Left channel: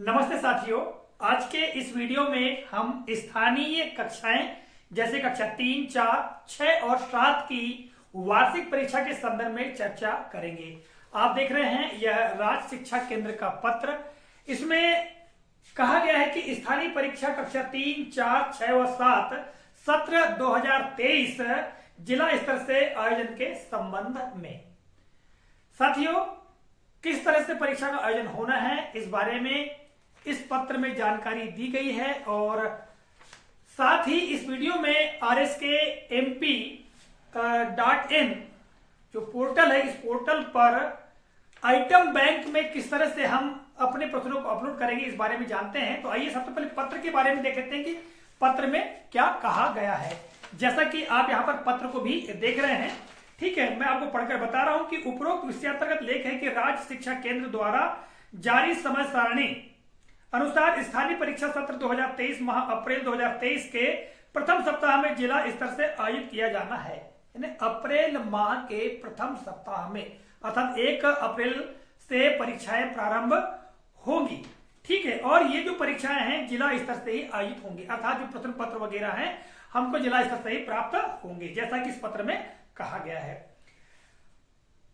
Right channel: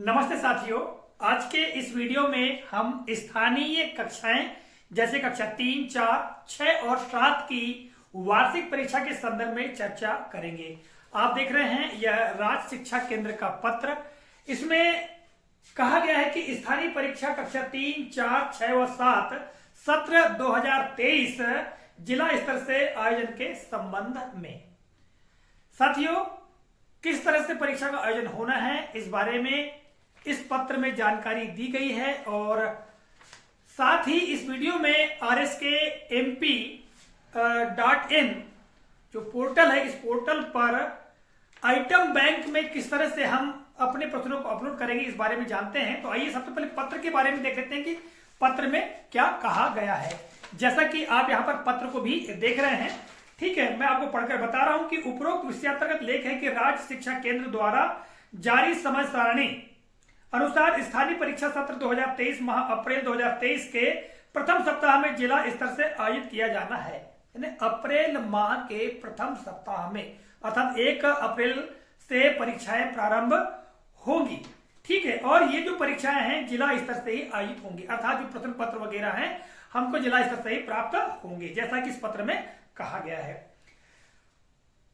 नमस्ते साथियों। आज के इस वीडियो में हम स्थानीय कक्षाएं जैसे कक्षा 3, 4, 6 और 7 की वार्षिक परीक्षा के संदर्भ में चर्चा करेंगे। आप देख रहे हैं यह राज्य शिक्षा केंद्र का पत्र। इसमें कहा गया है कि स्थानीय परीक्षा कक्षा 3, 4, 6 व 7 सत्र 2023 जिला स्तर से आयोजन के संबंध में। साथियों, किस तरह से परीक्षा का आयोजन होना है इस बारे में इस पत्र में जानकारी दी गई है और साथ ही इस वीडियो में rskmp.in जो पोर्टल है, इस पोर्टल पर आइटम बैंक में किस तरह से हम अपने प्रश्नों को अपलोड करेंगे इस बारे में जानते हैं। तो आइए सबसे पहले पत्र के बारे में देख लेते हैं कि पत्र में क्या कहा गया है। जैसा कि आप यहाँ पर पत्र को भी देख रहे हैं, ठीक है, मैं आपको पढ़कर बता रहा हूं कि उपरोक्त विषयांतर्गत लेख है कि राज्य शिक्षा केंद्र द्वारा जारी समय सारणी अनुसार स्थानीय परीक्षा सत्र 2023 माह अप्रैल 2023 के प्रथम सप्ताह में जिला स्तर से आयोजित किया जाना है। यानी अप्रैल माह के प्रथम सप्ताह में अर्थात 1 अप्रैल से परीक्षाएं प्रारंभ होंगी, ठीक है। और ये जो परीक्षाएं हैं जिला स्तर से ही आयोजित होंगी, अर्थात जो प्रश्न पत्र वगैरह हैं हमको जिला स्तर से ही प्राप्त होंगे, जैसा कि इस पत्र में कहा गया है।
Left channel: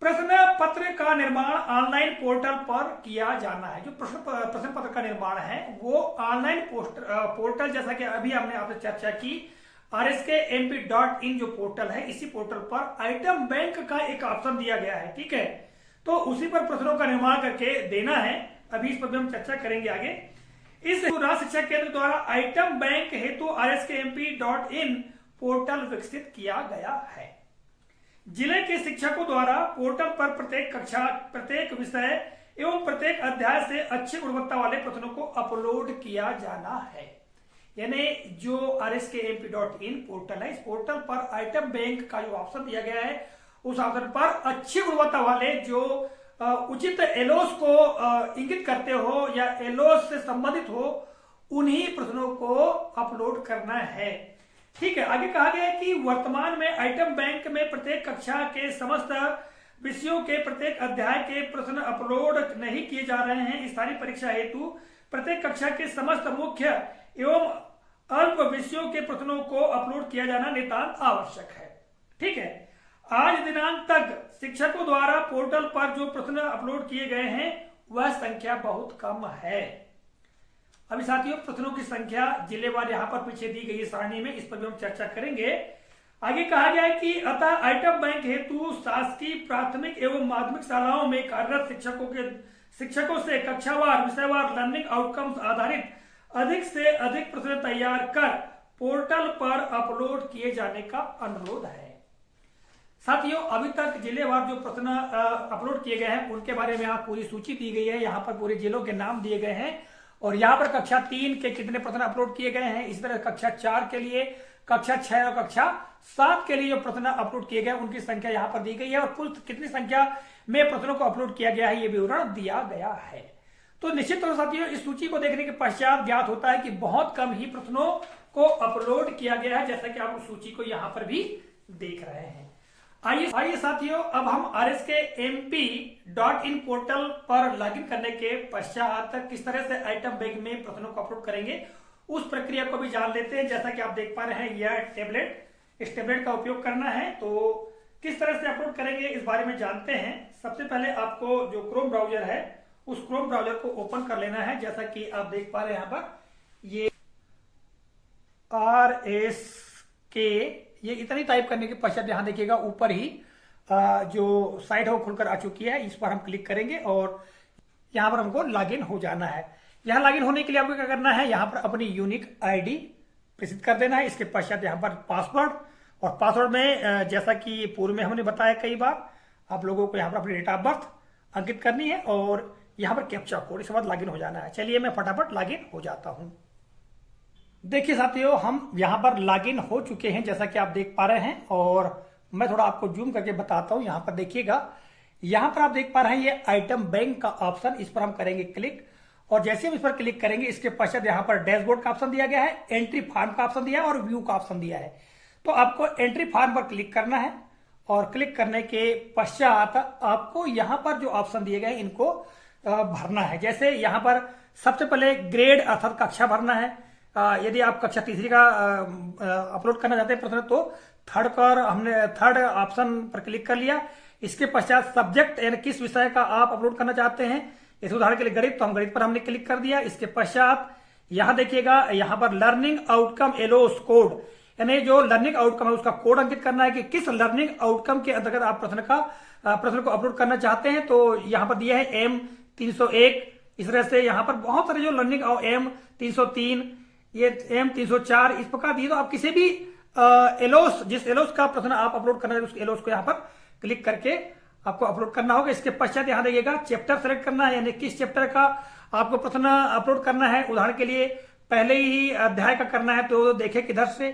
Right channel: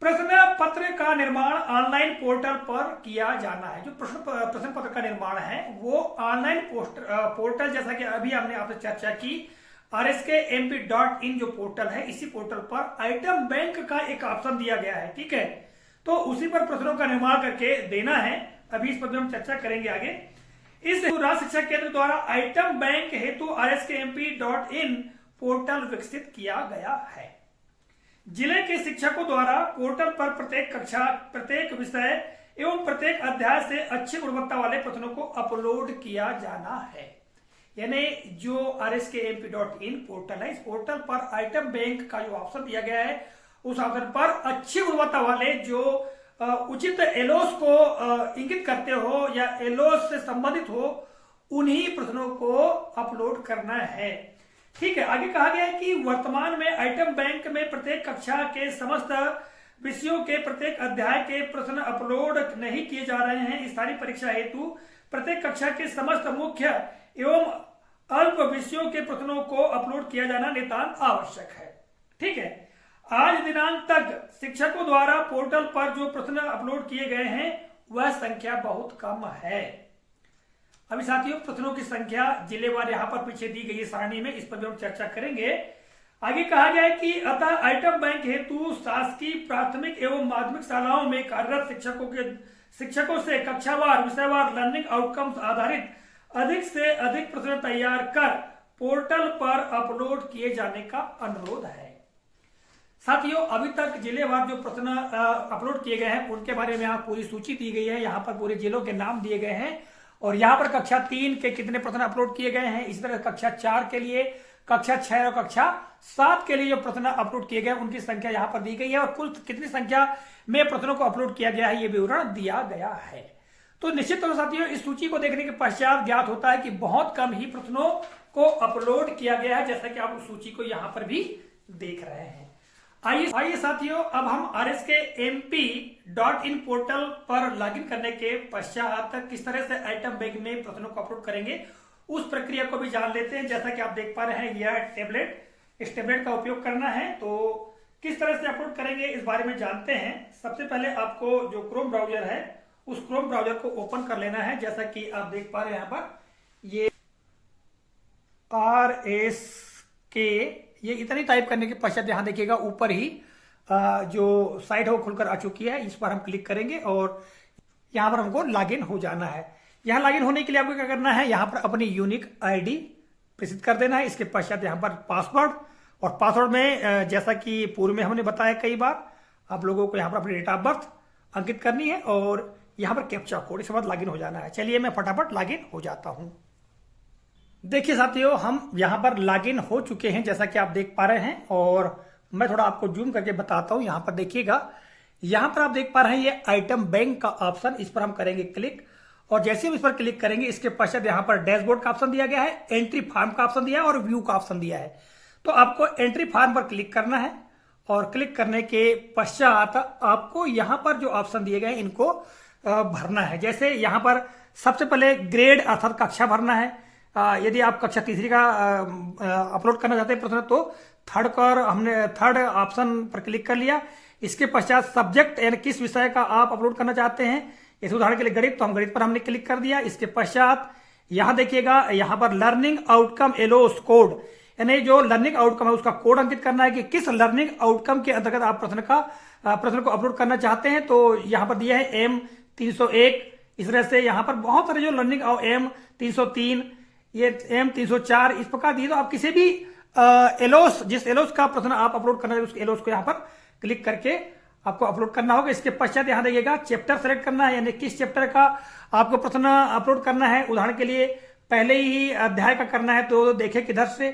प्रश्न पत्र का निर्माण ऑनलाइन पोर्टल पर किया जाना है। जो प्रश्न पत्र का निर्माण है वो ऑनलाइन पोर्टल, जैसा कि अभी हमने आपसे चर्चा की, rskmp.in जो पोर्टल है, इसी पोर्टल पर आइटम बैंक का एक ऑप्शन दिया गया है, ठीक है। तो उसी पर प्रश्नों का निर्माण करके देना है। अभी इस पर हम चर्चा करेंगे आगे। इस राज्य शिक्षा केंद्र द्वारा आइटम बैंक हेतु rskmp.in पोर्टल विकसित किया गया है। जिले के शिक्षकों द्वारा पोर्टल पर प्रत्येक कक्षा, प्रत्येक विषय एवं प्रत्येक अध्याय से अच्छी गुणवत्ता वाले प्रश्नों को अपलोड किया जाना है। यानी जो rskmp.in पोर्टल है, इस पोर्टल पर आइटम बैंक का जो ऑप्शन दिया गया है, उस ऑप्शन पर अच्छी गुणवत्ता वाले जो उचित एलोस को इंगित करते हो या एलोस से संबंधित हो, उन्हीं प्रश्नों को अपलोड करना है, ठीक है। आगे कहा गया है कि वर्तमान में आइटम बैंक में प्रत्येक कक्षा के समस्त विषयों के प्रत्येक अध्याय के प्रश्न अपलोड नहीं किए जा रहे हैं। स्थानीय परीक्षा हेतु प्रत्येक कक्षा के समस्त मुख्य एवं अल्प विषयों के प्रश्नों को अपलोड किया जाना नितांत आवश्यक है, ठीक है। आज दिनांक तक शिक्षकों द्वारा पोर्टल पर जो प्रश्न अपलोड किए गए हैं वह संख्या बहुत कम है। अभी साथियों, प्रश्नों की संख्या जिलेवार यहाँ पर पीछे दी गई है सारणी में, इस पर भी हम चर्चा करेंगे। आगे कहा गया है कि अतः आइटम बैंक हेतु शासकीय प्राथमिक एवं माध्यमिक शालाओं में कार्यरत शिक्षकों से कक्षावार विषयवार लर्निंग आउटकम्स आधारित अधिक से अधिक प्रश्न तैयार कर पोर्टल पर अपलोड किए जाने का अनुरोध है। साथियों, अभी तक जिलेवार जो प्रश्न अपलोड किए गए हैं उनके बारे में यहाँ पूरी सूची दी गई है। यहाँ पर पूरे जिलों के नाम दिए गए हैं और यहाँ पर कक्षा 3 के कितने प्रश्न अपलोड किए गए हैं, इस तरह कक्षा 4 के लिए, कक्षा 6 और कक्षा 7 के लिए जो प्रश्न अपलोड किए गए उनकी संख्या यहाँ पर दी गई है और कुल कितनी संख्या में प्रश्नों को अपलोड किया गया है ये विवरण दिया गया है। तो निश्चित तौर साथियों, इस सूची को देखने के पश्चात ज्ञात होता है कि बहुत कम ही प्रश्नों को अपलोड किया गया है, जैसा कि आप उस सूची को यहाँ पर भी देख रहे हैं। आइए साथियों, अब हम rskmp.in पोर्टल पर लॉगिन करने के पश्चात किस तरह से आइटम बैंक में प्रश्नों को अपलोड करेंगे उस प्रक्रिया को भी जान लेते हैं। जैसा कि आप देख पा रहे हैं यह टेबलेट, इस टेबलेट का उपयोग करना है। तो किस तरह से अपलोड करेंगे इस बारे में जानते हैं। सबसे पहले आपको जो क्रोम ब्राउजर है उस क्रोम ब्राउजर को ओपन कर लेना है। जैसा कि आप देख पा रहे हैं यहाँ पर ये RSK, ये इतनी टाइप करने के पश्चात यहां देखिएगा ऊपर ही जो साइट है वो खुलकर आ चुकी है। इस पर हम क्लिक करेंगे और यहां पर हमको लॉगिन हो जाना है। यहां लॉगिन होने के लिए आपको क्या करना है, यहां पर अपनी यूनिक आईडी प्रविष्ट कर देना है। इसके पश्चात यहां पर पासवर्ड, और पासवर्ड में जैसा कि पूर्व में हमने बताया कई बार, आप लोगों को यहां पर अपनी डेट ऑफ बर्थ अंकित करनी है और यहां पर कैप्चा कोड, इसके बाद लॉगिन हो जाना है। चलिए मैं फटाफट लॉगिन हो जाता हूं। देखिए साथियों, हम यहां पर लॉगिन हो चुके हैं जैसा कि आप देख पा रहे हैं और मैं थोड़ा आपको जूम करके बताता हूं। यहां पर देखिएगा, यहां पर आप देख पा रहे हैं ये आइटम बैंक का ऑप्शन, इस पर हम करेंगे क्लिक और जैसे हम इस पर क्लिक करेंगे इसके पश्चात यहां पर डैशबोर्ड का ऑप्शन दिया गया है, एंट्री फॉर्म का ऑप्शन दिया है और व्यू का ऑप्शन दिया है। तो आपको एंट्री फॉर्म पर क्लिक करना है और क्लिक करने के पश्चात आपको यहां पर जो ऑप्शन दिए गए इनको भरना है। जैसे यहां पर सबसे पहले ग्रेड अर्थात कक्षा भरना है। यदि आप कक्षा तीसरी का अपलोड करना चाहते हैं प्रश्न तो थर्ड ऑप्शन पर क्लिक कर लिया। इसके पश्चात सब्जेक्ट यानी किस विषय का आप अपलोड करना चाहते हैं, इस उदाहरण के लिए गणित, तो हम गणित पर हमने क्लिक कर दिया। इसके पश्चात यहां देखिएगा, यहां पर लर्निंग आउटकम एलोस कोड, यानी जो लर्निंग आउटकम है उसका कोड अंकित करना है कि किस लर्निंग आउटकम के अंतर्गत आप प्रश्न को अपलोड करना चाहते हैं। तो यहां पर दिया है M301। इस तरह से यहां पर बहुत सारे जो लर्निंग M303, ये M304 इस प्रकार दिए। तो आप किसी भी एलोस, जिस एलोस का प्रश्न आप अपलोड करना है उस एलोस को यहाँ पर क्लिक करके आपको अपलोड करना होगा। इसके पश्चात यहां देखिएगा चैप्टर सेलेक्ट करना है, यानी किस चैप्टर का आपको प्रश्न अपलोड करना है। उदाहरण के लिए पहले ही अध्याय का करना है तो देखे किधर से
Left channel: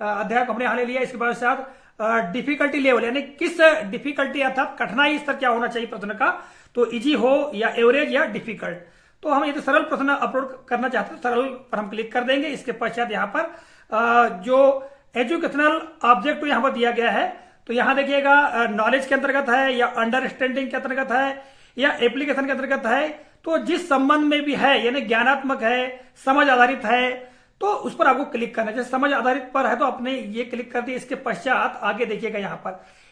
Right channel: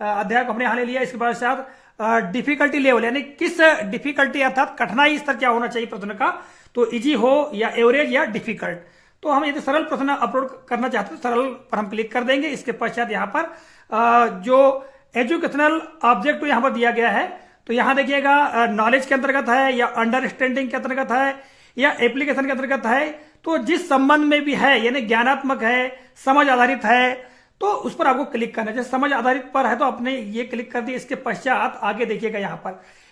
अध्याय को हमने यहां ले लिया। इसके बाद साथ डिफिकल्टी लेवल, यानी किस डिफिकल्टी अर्थात कठिनाई स्तर क्या होना चाहिए प्रश्न का, तो इजी हो या एवरेज या डिफिकल्ट। तो हम यदि सरल प्रश्न अपलोड करना चाहते हैं सरल पर हम क्लिक कर देंगे। इसके पश्चात यहाँ पर जो एजुकेशनल ऑब्जेक्ट यहाँ पर दिया गया है, तो यहां देखिएगा नॉलेज के अंतर्गत है या अंडरस्टैंडिंग के अंतर्गत है या एप्लीकेशन के अंतर्गत है। तो जिस संबंध में भी है, यानी ज्ञानात्मक है, समझ आधारित है, तो उस पर आपको क्लिक करना है। जैसे समझ आधारित पर है तो आपने ये क्लिक कर दिया। इसके पश्चात आगे देखिएगा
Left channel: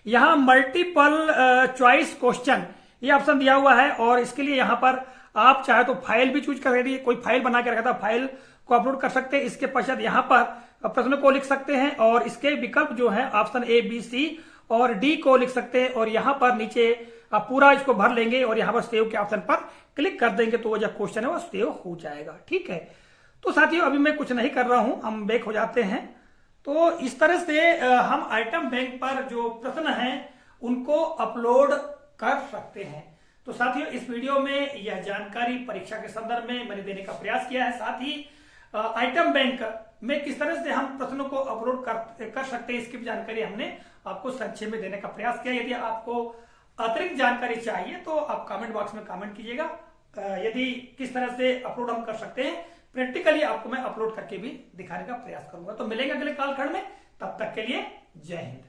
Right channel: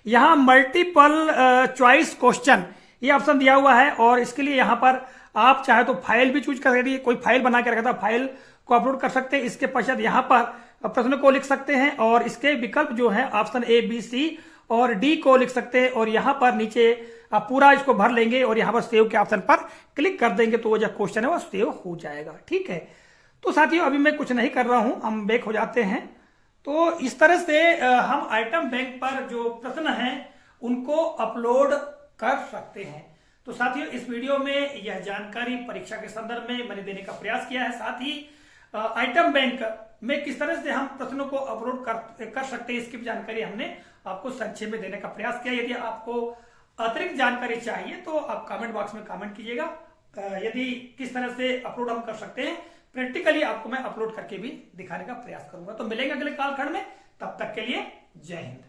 यहाँ मल्टीपल चॉइस क्वेश्चन ये ऑप्शन दिया हुआ है, और इसके लिए यहाँ पर आप चाहे तो फाइल भी चूज कर सकते हैं। कोई फाइल बना के रखा था, फाइल को अपलोड कर सकते हैं। इसके पश्चात यहाँ पर प्रश्न को लिख सकते हैं, और इसके विकल्प जो है ऑप्शन A, B, C और D को लिख सकते हैं, और यहाँ पर नीचे आप पूरा इसको भर लेंगे और यहाँ पर सेव के ऑप्शन पर क्लिक कर देंगे तो वो जो क्वेश्चन है वो सेव हो जाएगा। ठीक है, तो साथियों अभी मैं कुछ नहीं कर रहा हूं, हम बैक हो जाते हैं। तो इस तरह से हम आइटम बैंक पर जो प्रश्न हैं उनको अपलोड कर सकते हैं। तो साथियों इस वीडियो में यह जानकारी परीक्षा के संदर्भ में मैंने देने का प्रयास किया है। साथ ही आइटम बैंक में किस तरह से हम प्रश्नों को अपलोड कर सकते हैं इसकी भी जानकारी हमने आपको संक्षेप में देने का प्रयास किया। यदि आपको अतिरिक्त जानकारी चाहिए तो आप कमेंट बॉक्स में कमेंट कीजिएगा। यदि किस तरह से अपलोड हम कर सकते हैं प्रैक्टिकली आपको मैं अपलोड करके भी दिखाने का प्रयास करूंगा। तो मिलेंगे अगले कालखंड में, तब तक के लिए जय हिंद।